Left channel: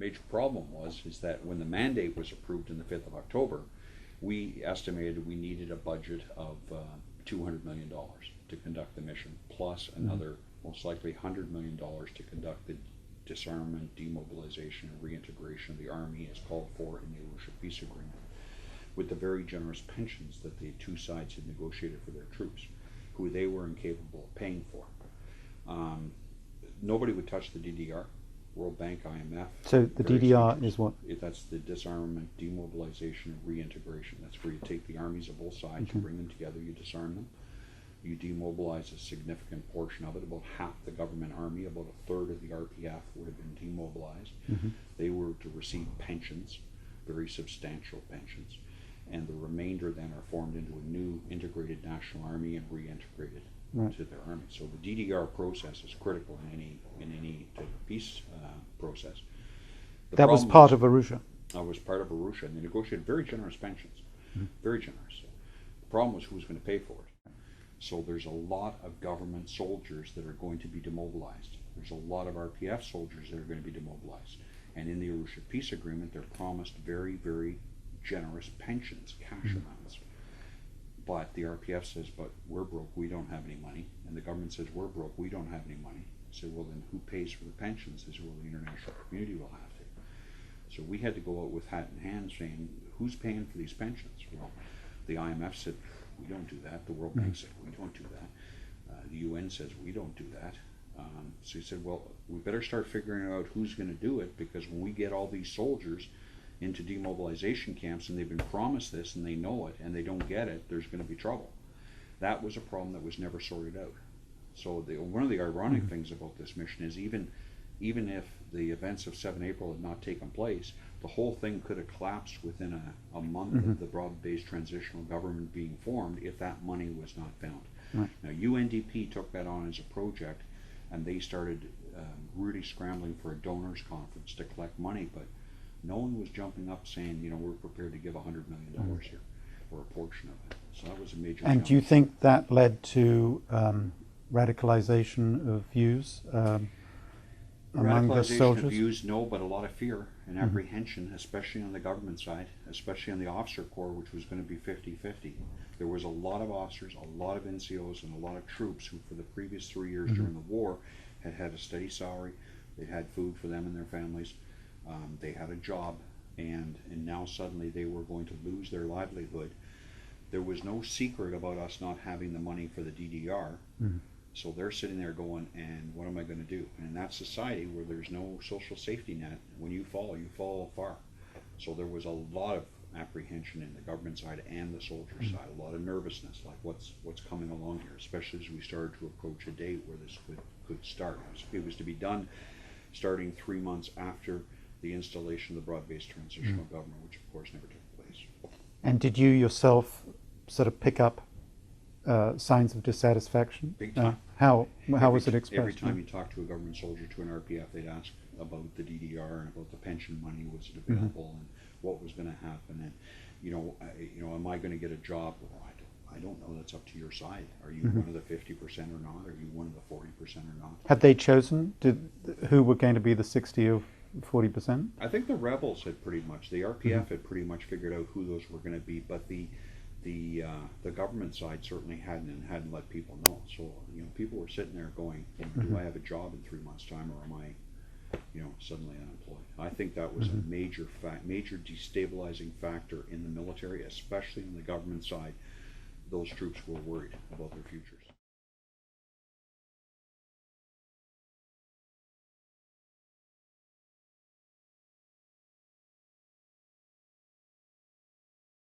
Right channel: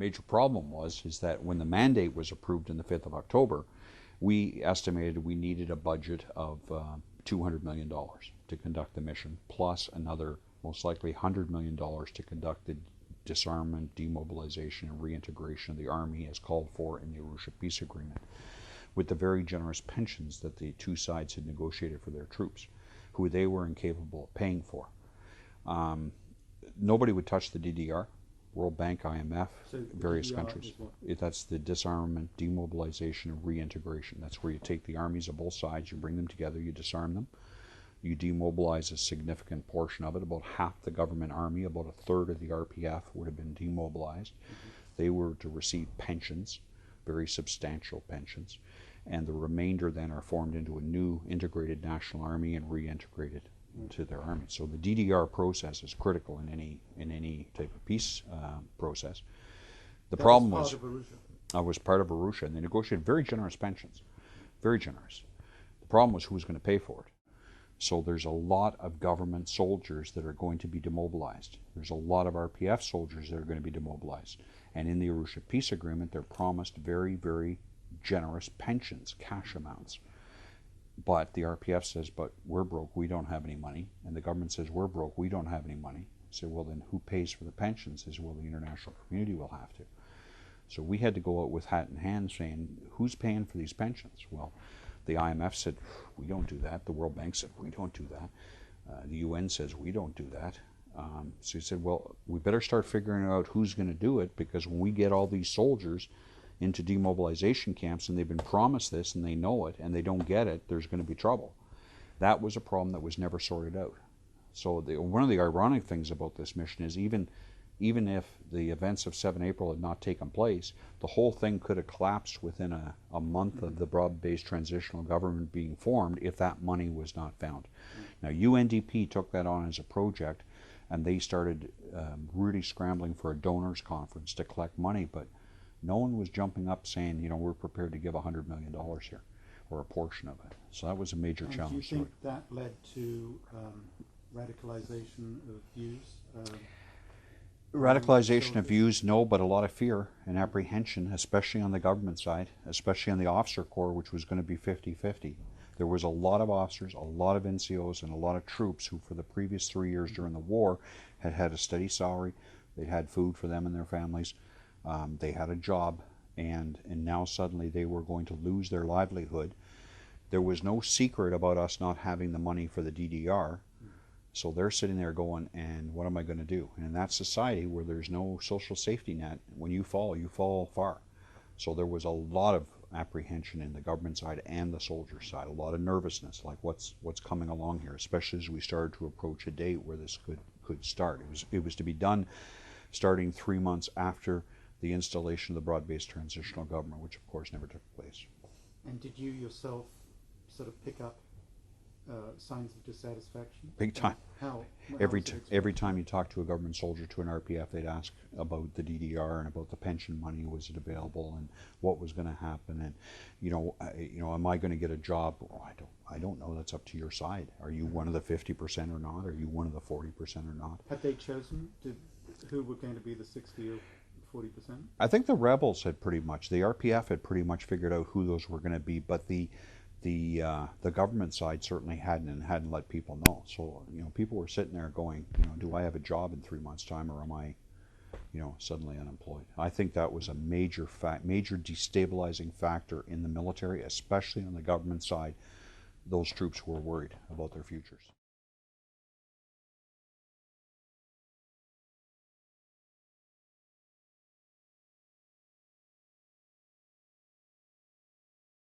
major problem is that when the mandate was approved on the 5th of October, we estimated we needed a budget of $200 million to conduct the mission, plus another most likely $100 million to conduct the disarmament, demobilization, and reintegration of the Army as called for in the Arusha Peace Agreement, with the very generous pensions that the two sides had negotiated for their troops, who they were incapable of paying for. Nobody would touch the DDR, World Bank, IMF. So the DDR is what? That's the disarmament, demobilization, and reintegration. That's where you take the armies of both sides, you bring them together, you disarm them, you demobilize a significant portion of it. About half the government army, about a third of the RPF would have been demobilized. They were to receive pensions, very substantial pensions, and the remainder then are formed into a new integrated national army and reintegrated to their army. So the DDR process is critical in any type of peace process. That was part of Arusha. Was part of Arusha, and they negotiated very generous pensions, very generous. The problem was who was going to pay for it. So there's a lot of government soldiers that are going to be demobilized. There's a lot of RPF soldiers that are going to be demobilized. And in the Arusha Peace Agreement, they're promised very, very generous pensions, cash amounts. But the RPF says, but we're broke, we don't have any money. And the government says, we're broke, we don't have any money. Say, well, then who pays for the pensions? Says, well, the international community will have to. So we had to go out with hat in hand saying, who's paying for these pensions? Well, the IMF said, we don't do that. The World Bank said, we don't do that. The UN says, we don't do that. So he said, well, we better start figuring out who's going to do it, because when we get all these soldiers into demobilization camps and they've been promised this and they know it and they don't get it, there's going to be trouble. That was a problem that was never sorted out. So one of the ironic things about this mission is even if the events of 7 April had not taken place, the whole thing could have collapsed within a month of the broad-based transitional government being formed if that money was not found. Now UNDP took that on as a project, and they started really scrambling for a donors conference to collect money, but no one was jumping up saying, you know, we're prepared to give $100 million here, or a portion of it. So that was a major challenge. And do you think that led to radicalization of views? Radicalization of views, no, but a lot of fear and apprehension, especially on the government side, especially on the officer corps, which was going to be 50-50. There was a lot of officers, a lot of NCOs, and a lot of troops who for the previous 3 years during the war had had a steady salary, they had food for them and their families, they had a job, and now suddenly they were going to lose their livelihood. There was no secret about us not having the money for the DDR. So they're sitting there going, and what am I going to do? And in that society where there's no social safety net, when you fall far. So there was a lot of apprehension in the government side and the soldier side, a lot of nervousness, like what's coming along here, especially as we started to approach a date where this could start. It was to be done starting 3 months after the installation of the broad-based transitional government, which of course never took place. And did you yourself sort of pick up signs of dissatisfaction? Big time. How was it expressed? Every time you talk to a government soldier, to an RPF, they'd ask about the DDR and about the pension money, was it available, and what was going to happen, and am I going to get a job? Well, I don't know. That's up to your side. Are you one of the 50% or not? Are you one of the 40% or not? Had they chosen who were going to be the 60 or 40%? I think the rebels had pretty much, the RPF had pretty much figured out who those were going to be, but the government side certainly hadn't let people know. So people were sitting there going, do I have a job in 3 months' time, or am I, suddenly unemployed? I think that was a major destabilizing factor in the military, especially on the government side. Those troops were worried about their futures.